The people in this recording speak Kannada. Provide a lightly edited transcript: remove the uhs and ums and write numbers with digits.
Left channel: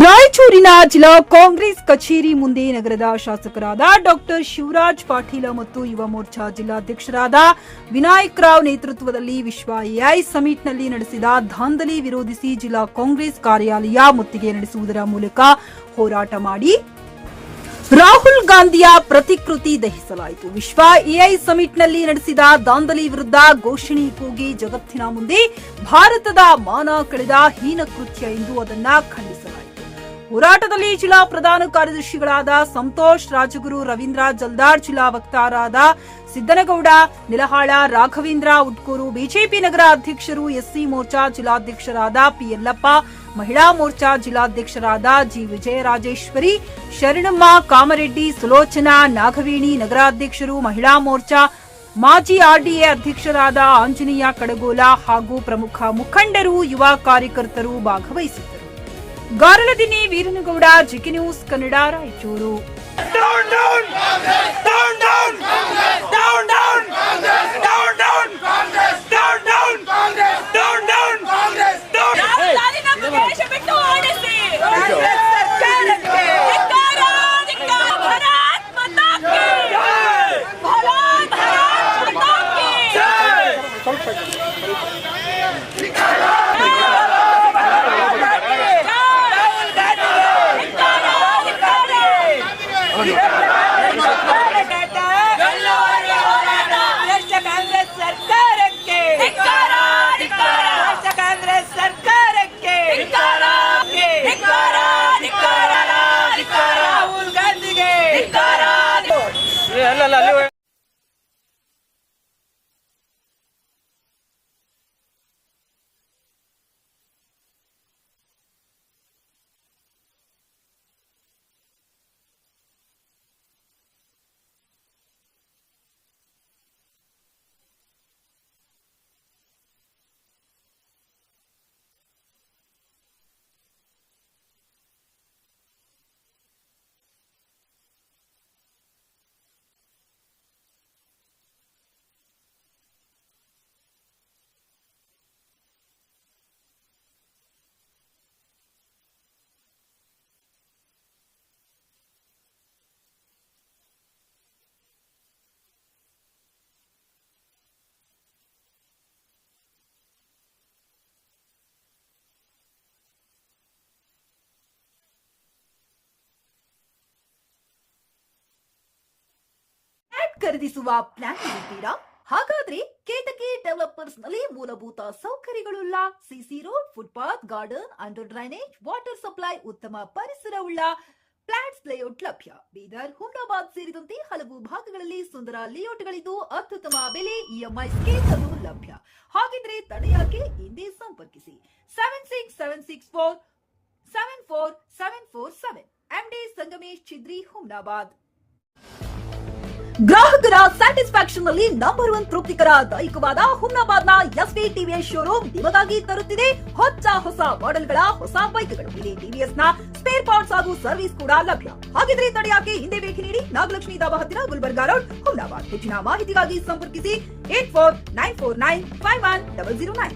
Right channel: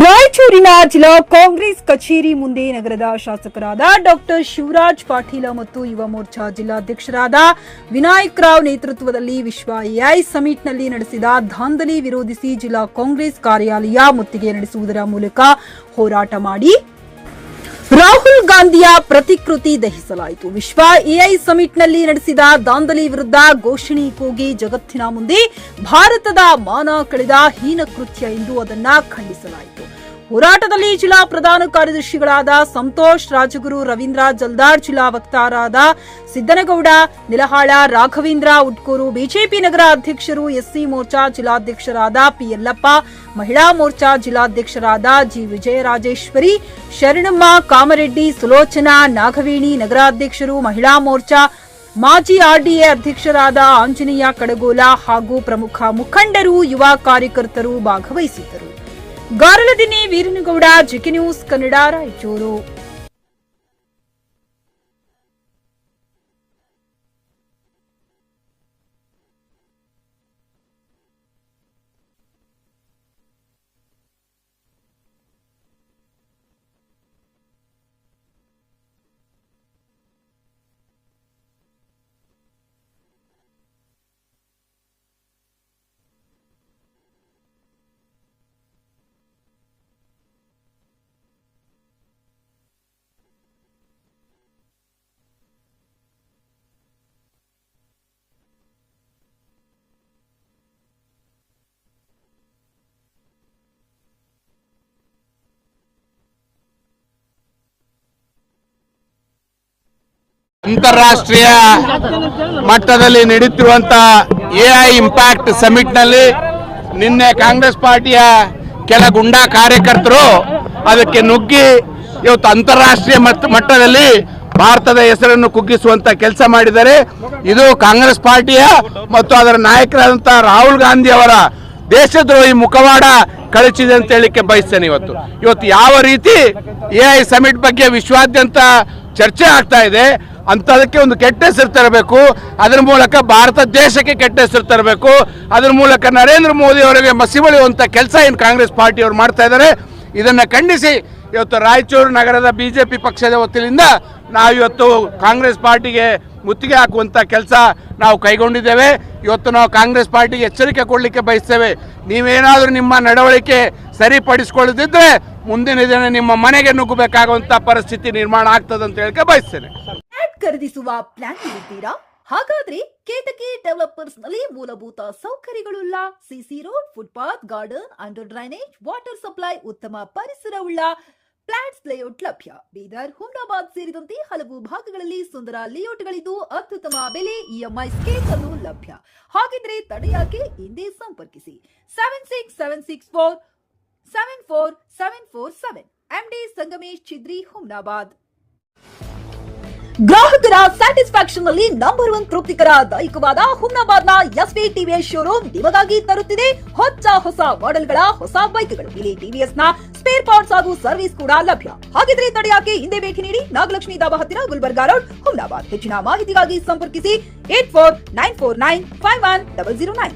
ರಾಯಚೂರಿನ ಜಿಲ್ಲಾ ಕಾಂಗ್ರೆಸ್ ಕಚೇರಿ ಮುಂದೆ ನಗರದ ಶಾಸಕರಾದ ಡಾಕ್ಟರ್ ಶಿವರಾಜ್ ಪಾಟೀಲ ಮತ್ತು ಯುವ ಮೋರ್ಚಾ ಜಿಲ್ಲಾಧ್ಯಕ್ಷರಾದ ವಿನಾಯಕ್ ರಾವ್ ನೇತೃತ್ವದಲ್ಲಿ ವಿಶ್ವ ಎಐ ಸಮಿಟ್ನಲ್ಲಿ ನಡೆಸಿದ ದಾಂಧಲೆ ವಿರೋಧಿಸಿ ಜಿಲ್ಲಾ ಕಾಂಗ್ರೆಸ್ ಕಾರ್ಯಾಲಯ ಮುತ್ತಿಗೆ ನಡೆಸುವುದರ ಮೂಲಕ ಹೋರಾಟ ಮಾಡಿ ರಾಹುಲ್ ಗಾಂಧಿಯ ಪ್ರತಿಕೃತಿ ದಹಿಸಲಾಯಿತು. ವಿಶ್ವ ಎಐ ಸಮಿಟ್ನಲ್ಲಿ ನಡೆಸಿದ ದಾಂಧಲೆ ವಿರುದ್ಧ ಘೋಷಣೆ ಕೂಗಿ ಜಗತ್ತಿನ ಮುಂದೆ ಭಾರತದ ಮಾನ ಕಳೆದ ಹೀನ ಕೃತ್ಯ ಎಂದು ಅದನ್ನ ಖಂಡಿಸಲಾಯಿತು. ಹೋರಾಟದಲ್ಲಿ ಜಿಲ್ಲಾ ಪ್ರಧಾನ ಕಾರ್ಯದರ್ಶಿಗಳಾದ ಸಂತೋಷ್ ರಾಜಗುರು, ರವೀಂದ್ರ ಜಲ್ದಾರ್, ಜಿಲ್ಲಾ ವಕ್ತಾರರಾದ ಸಿದ್ದನಗೌಡ ನಿಲಹಾಳ, ರಾಘವೇಂದ್ರ ಉಟ್ಕೂರು, ಬಿಜೆಪಿ ನಗರ ಅಧ್ಯಕ್ಷರು, ಎಸ್ಸಿ ಮೋರ್ಚಾ ಜಿಲ್ಲಾಧ್ಯಕ್ಷರಾದ ಪಿ ಯಲ್ಲಪ್ಪ, ಮಹಿಳಾ ಮೋರ್ಚಾ ಜಿಲ್ಲಾಧ್ಯಕ್ಷರಾದ ಜಿ ವಿಜಯರಾಜೇಶ್ವರಿ, ಶರಣಮ್ಮ ಕಾಮರೆಡ್ಡಿ, ಸುಲೋಚನಾ ನಾಗವೇಣಿ, ನಗರಾಧ್ಯಕ್ಷರು, ಮಹಿಳಾ ಮೋರ್ಚಾ ಮಾಜಿ ಆರ್ಡಿಎ ಅಧ್ಯಕ್ಷರಾದ ಆಂಜನೇಯ ಕಡಗೋಲ ಹಾಗೂ ಪ್ರಮುಖ ಮುಖಂಡರು, ಯುವ ಕಾರ್ಯಕರ್ತರು ಭಾಗವಹಿಸಿದ್ದರು. ಗಾರಲದಿನ್ನಿ ವೀರನಗೌಡ, ಜಿಕೆ ನ್ಯೂಸ್ ಕನ್ನಡ, ರಾಯಚೂರು. ಅಂತಾರಾಷ್ಟ್ರೀಯ ಮಟ್ಟದಲ್ಲಿ ನಡೆಯುತ್ತಿರುವಂತಹ ಎಐ ಇಂಪ್ಯಾಕ್ಟ್ ಸಮಿಟ್ ನಲ್ಲಿ ನಿನ್ನೆ ಕಾಂಗ್ರೆಸ್ ಪಾರ್ಟಿಯ ಕೆಲ ಗುಂಡಾ ಕಾರ್ಯಕರ್ತರು ಅದಕ್ಕೆ ನುಗ್ಗಿ ಇವತ್ತು ಅಂತಾರಾಷ್ಟ್ರೀಯ ಮಟ್ಟದಲ್ಲಿ ಭಾರತದ ಹೆಸರನ್ನು ಕುಗ್ಗಿಸುವಂತ ಕೆಲಸ ಮಾಡಿದ್ದಾರೆ. ಇದು ಕಾಂಗ್ರೆಸ್ ಪಾರ್ಟಿಯ ಮತ್ತು ಅದರ ನಾಯಕರಾದಂತಹ ರಾಹುಲ್ ಗಾಂಧಿ ಅವರ ದೇಶದ್ರೋಹಿ ಮುಖವಾಡ ಕಳಚಿದೆ ಅಂತ ಹೇಳಿಕ್ಕೆ ಬಯಸ್ತೇನೆ. ಇವತ್ತು ಯಾವ ರೀತಿ ಎಐ ಸಮಿಟ್ ಬಗ್ಗೆ ವಿಶ್ವಾದ್ಯಂತ ಚರ್ಚೆ ಆಗ್ತಾ ಇದೆ ಅಂತದಕ್ಕೆ ಒಂದು ಕೆಟ್ಟ ಹೆಸರು ತರಬೇಕು, ಅದರ ಮೂಲಕ ಭಾರತ ದೇಶಕ್ಕೆ ಕೆಟ್ಟ ಹೆಸರು ತರಬೇಕು, ಅದರ ಮೂಲಕ ನರೇಂದ್ರ ಮೋದಿ ಅವರಿಗೆ ಮಸಿಬಳಿಯುವಂತ ಕೆಲಸ ಏನು ಕಾಂಗ್ರೆಸ್ ಪಾರ್ಟಿಯವರು ಮಾಡ್ತಾ ಇದ್ದಾರೆ. ಇದನ್ನ ಖಂಡಿಸಿ ಇವತ್ತು ರಾಯಚೂರು ನಗರದ ಬಿಜೆಪಿ ಪಕ್ಷದ ವತಿಯಿಂದ ನಾವಿವತ್ತು ಕಾಂಗ್ರೆಸ್ ಪಾರ್ಟಿಗೆ ಮುತ್ತಿಗೆ ಹಾಕುವಂತ ಕೆಲಸ ನಾವು ಕೈಗೊಂಡಿದ್ದೇವೆ. ಇವತ್ತು ನಾವು ಕಾಂಗ್ರೆಸ್ ಪಾರ್ಟಿಗೆ ಎಚ್ಚರಿಕೆ ಕೊಡಲಿಕ್ಕೆ ಬಯಸ್ತೇವೆ. ನೀವೇನಾದರೂ ನಿಮ್ಮ ನಡವಳಿಕೆ ಸರಿಪಡಿಸಿಕೊಳ್ಳದಿದ್ರೆ ಮುಂದಿನ ದಿನ ನಿಮ್ಮ ಮನೆಗೆ ನುಗ್ಗಬೇಕಾಗುವಂತ ಪರಿಸ್ಥಿತಿ ನಿರ್ಮಾಣ ಆಗ್ತದೆ ಅಂತ ಹೇಳಿಕೆ ಬಯಸ್ತೇನೆ. ಖರೀದಿಸುವ ಪ್ಲಾನ್ ಇದ್ದೀರಾ? ಹಾಗಾದ್ರೆ ಕೇತಕಿ ಡೆವಲಪರ್ಸ್ ನಲ್ಲಿ ಮೂಲಭೂತ ಸೌಕರ್ಯಗಳುಳ್ಳ CC road, footpath, garden, under drainage, water supply, ಉತ್ತಮ ಪರಿಸರವುಳ್ಳ ಫ್ಲಾಟ್ಸ್ ಲೇಔಟ್ ಲಭ್ಯ. ಬೀದರ್, ಹುಮ್ನಾಬಾದ್ ಸೇರಿದಂತೆ ಹಲವು ಭಾಗಗಳಲ್ಲಿ ಸುಂದರ ಲೇಔಟ್ಗಳಿದ್ದು ಅತ್ಯುತ್ತಮ ಬೆಲೆ, ಇಎಂಐ ಸ್ಕೀಮ್ ಅನ್ನು ಲಭ್ಯ. ಹಾಗಿದ್ರೆ ತಡೆಯಾಕೆ ಹಿಂದೆ ಸಂಪರ್ಕಿಸಿ 7676474747 MD ಸಂಗಮೇಶ್ ಚಿದ್ರಿ, ಹುಮ್ನಾಬಾದ್. ಗ್ರಾಹಕರ ಸ್ಯಾಟಿಸ್ಫ್ಯಾಕ್ಷನ್ ನಲ್ಲಿ ನಂಬರ್ 1 ತೃಪ್ತಿಕರ ದಾಯಕವಾದ ಹುಮ್ನಾಬಾದ್ನ ಎಸ್ವಿ ಟಿವಿಎಸ್ ಶೋರೂಮ್ ನಿಮಗಾಗಿ ತರುತ್ತಿದೆ ಹೊಸ ಮಾಡೆಲ್ಗಳ ಹೊಸ ಬೈಕ್ಗಳು. ಇಲ್ಲಿ ಟಿವಿಎಸ್ ನ ಸ್ಪೇರ್ ಪಾರ್ಟ್ಸ್ ಹಾಗೂ ಸರ್ವಿಸ್ ಕೂಡ ಲಭ್ಯ. ಹಾಗಿದ್ರೆ ತಡೆಯಾಕೆ ಹಿಂದೆ ಭೇಟಿ ನೀಡಿ. ನಾಗಲಕ್ಷ್ಮಿ ಧಾಬಾ ಹತ್ತಿರ, ಗುಲ್ಬರ್ಗಾ ರೋಡ್, ಹುಮ್ನಾಬಾದ್. ಹೆಚ್ಚಿನ ಮಾಹಿತಿಗಾಗಿ ಸಂಪರ್ಕಿಸಿ 8494951009.